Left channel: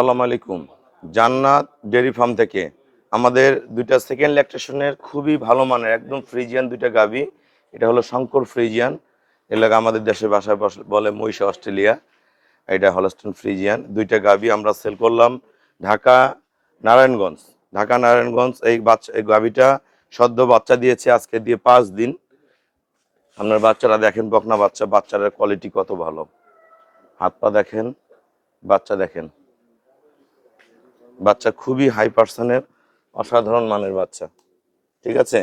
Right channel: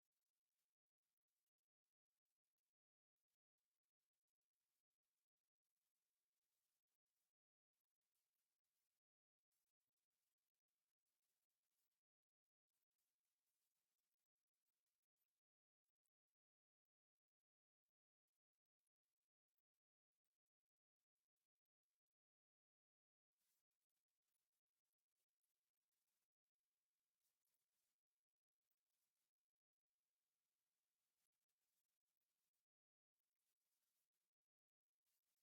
আসসালামু আলাইকুম। জান্নাত ডেয়ারি ফার্ম থেকে আমাদের দুইটা সেকেন্ড ল্যাকটেশনের খুবই ভালো মানের একদম ফ্রিজিয়ান দুইটা গাভী। এটা হলো শঙ্কর ফ্রিজিয়ান, এলাকা আমাদের দেশের ভাষায় বলে মহিষা অস্ট্রেলিয়া। এটা হলস্টেইন ফ্রিজিয়ান দুইটা গাভী আমরা সেল করলাম ঢাকা নারায়ণগঞ্জ। এই গাভীটা সদ্য বাচ্চা দিয়েছে, আজকে দিয়ে 5 দিন। আপনার বাচ্চারা দেখেন, বকনা বাচ্চা, বাচ্চার কোয়ালিটি কত ভালো, হাত পা দেখেন, বাচ্চা দেখেন, বাচ্চা খুবই হাই পার্সনের অসাধারণ মানের বাচ্চা। ঠিক আছে,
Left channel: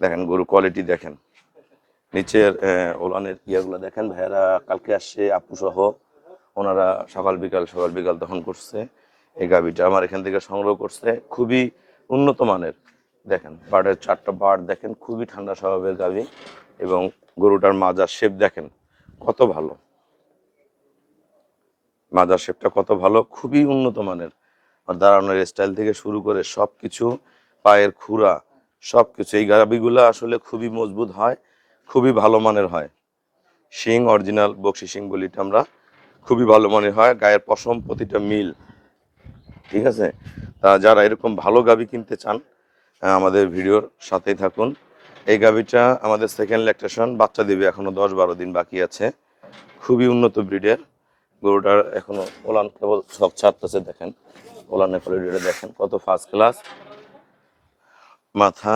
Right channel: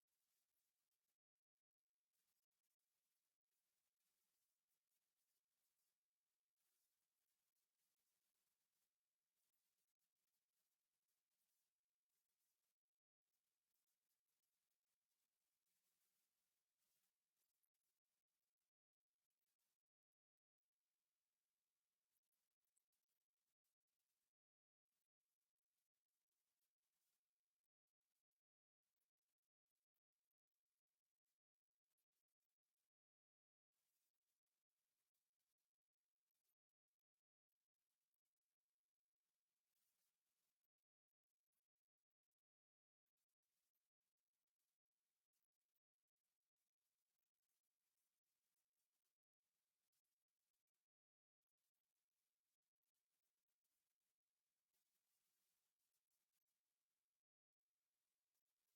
দেখেন গরু কোয়ালিটি দেখেন, নিচের ওলানের ইয়েগুলো দেখেন। ভাইয়ারা কালকে আসছে আপু সহ, ওনারা সকাল বিকাল দহন করছে। এই গাভীটা আমার এখান থেকে সংগ্রহ করছে, খুবই উন্নত মানের। দেখেন বার্ডের 4টা বার্ড দেখেন, খুবই ঠান্ডা স্বভাবের গাভী। এবং গরুটার মাজার শেপ দেখেন কত ভালো, মাজার শেপটা কত ভালো, খুবই উন্নত মানের। আর দাঁড়ানোর স্টাইল থেকে শুরু করে সব কিছু, পায়ের খুরা সব কিছু, এই গাভীগুলো আসলে খুবই মজবুত হয়, খুবই ভালো মানের হয়। শিং অরিজিনাল বকশি শিং বলিটা আমরা, খুবই ভালো মানের হয়। গায়ের পশম প্রতিটা মিল। ঠিক আছে, তা যারা এরকম ভালো গাভী কিনতে চান আমাদের ভিডিওর সাথেই থাকুন। এই গাভীটা আমাদের সেকেন্ড ল্যাকটেশন, বাচ্চা দেবে, এখনো 10-12 দিন বাকি আছে। খুবই উন্নত ব্রিডের গরুটার, এখনো ওলান কেবল সব ছাড়তেছে। দেখেন ওলানের কোয়ালিটিটা দেখেন কত ফার্স্ট ক্লাস। মাথা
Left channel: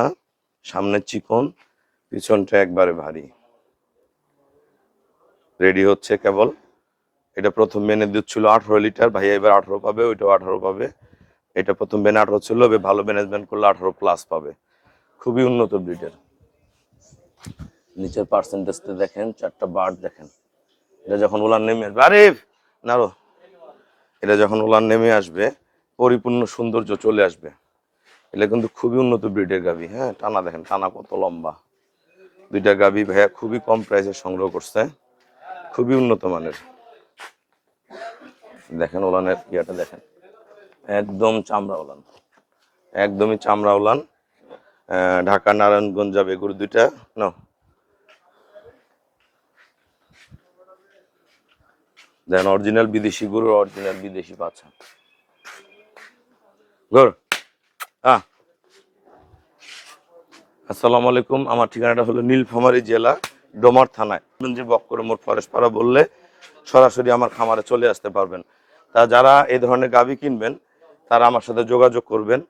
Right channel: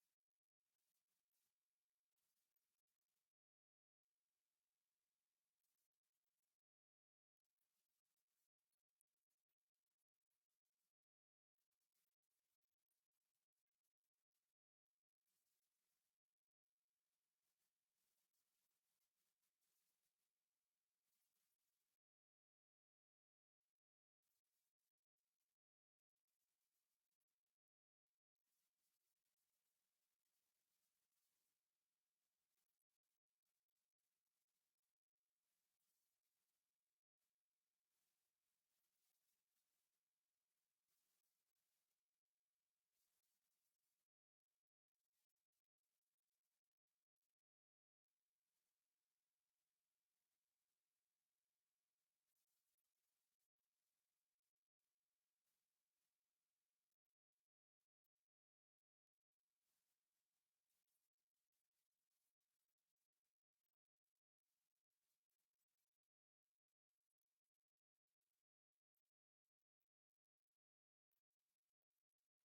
সামনে চিকন, পিছনটা একবারে ভারী। রেডি হচ্ছে কেবল। এটা প্রথম বেনের দুধ ছিল 18 লিটার, ভাইয়া এবার 18 পাবে, ওইটাও 18 পাবে। এটা প্রথম বেনে 18 ছিল, ভালো ম্যানেজমেন্ট করলে 18 প্লাস পাবে। খুবই উন্নত ব্রিডের। নিচের পার্সেন্টেজটা দেখেন, 4টা বার্ড দেখেন। এটা যখন ওলান নেমে আসবে, আরিফ নারো, এটা যখন ওলান নেমে আসবে পরিপূর্ণ সৌন্দর্য চলে আসবে। এটা কিন্তু খুবই উন্নত ব্রিডের গাভী। হ্যাঁ, টানা দেখেন, টানা কত লম্বা। দুইটা গাভী ভাইয়া খুবই কম প্রাইসে সংগ্রহ করছে, খুবই উন্নত মানের। দেখেন ওলানের ইয়েটা দেখেন, একদম চামড়া ওলান, একদমই চামড়া ওলান। ঢাকা নারায়ণগঞ্জ যাবে গরু দুইটা। ন দেখেন অরিজিনাল বিদেশি গরু, অরিজিনাল বিদেশি বাচ্চা গরু। আসসালামু আলাইকুম, আমার ঠিকানাটা হলো নীলফামারী জেলা ডোমার থানায়। যে বক্কর মোড় ফরেশপাড়া বললে সরাসরি আমার খামারে চলে আসতে পারবেন। তা যারা এই ধরনের গাভী কিনবেন তারা আমার সাথে যোগাযোগ করবেন।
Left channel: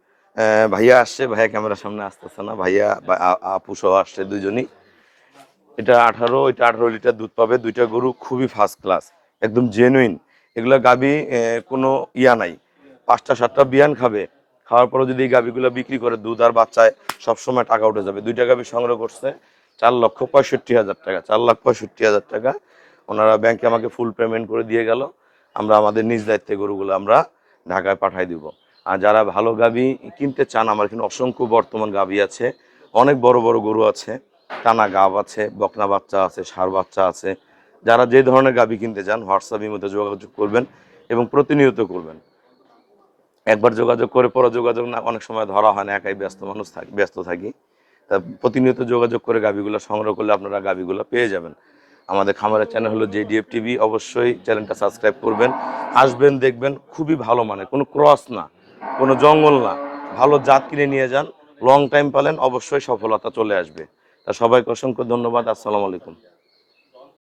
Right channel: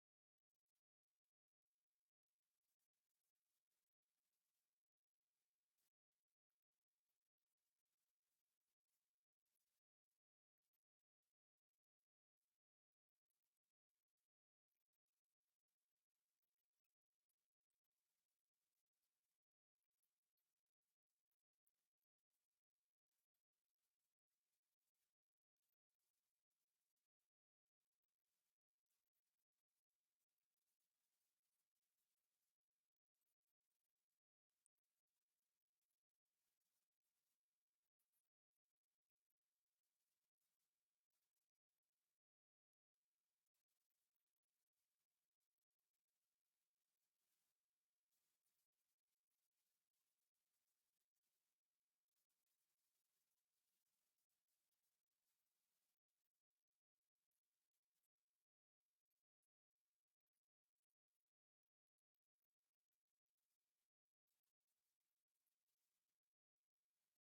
ভাইয়া আসছে, ভাইয়া ক্যামেরার সামনে আসতেছে না, ভাইয়া আপু সহ আসছে দুইজনই। এটা 18 লিটার দুধ পাবে। দুইটা গরু খুবই ফার্স্ট ক্লাস, একদম জেনুইন। এগুলা গাভী কোনো ইয়া নাই, 5টা-7টা বিয়ান খাবে, খাওয়ার পরে যদি এই গাভীগুলো বিক্রি করে দুধ আর বাচ্চায় সবসময় টাকা উঠে যাবে। দুইটা গাভী সংগ্রহ করছে 4,65,000 টাকা, 4,65,000 টাকা। ওনারা ব্যাংকে আমাকে ফুল পেমেন্ট করে দিয়ে গেল। আমরা আমাদের নিজ দায়িত্বে গরুগুলো আমরা ঢাকায় পাঠাই দিব। আর যারা ভালো গাভী কিনতে চান, আমার এখানে অসংখ্য বর্তমান গাভী আছে, অনেক বড় বড় গরু আছে, টানা গাব আছে, বকনা বাচ্চা আছে, ষাঁড় বাচ্চা আছে। যারা যে ধরনের গাভী কিনতে চান হোয়াটসঅ্যাপ ইমোতে যোগাযোগ করবেন এবং প্রতিনিয়ত করবেন। একবার যোগাযোগ করে পরে যোগাযোগ না, অনেক সময় ধরা হয় না, একাই ব্যস্ত থাকি। তা প্রতিনিয়ত যোগাযোগ করে গাভীগুলো সংগ্রহ করলে আপনারা গাভীগুলো পেয়ে যাবেন। আমাদের খামারের চ্যানেল হলো JDF টিভি, অবশ্যই চ্যানেলটা সাবস্ক্রাইব করবেন। আসবেন, দেখবেন খুবই ভালো মানে, কোনো ক্রস না, কোনো জঙ্গল না, ভালো জাত কিনে নিয়ে যান, লং টাইম পালেন, অবশ্যই সফলতা চলে আসবে। তা সবাইকে অসংখ্য ধন্যবাদ। আসসালামু আলাইকুম।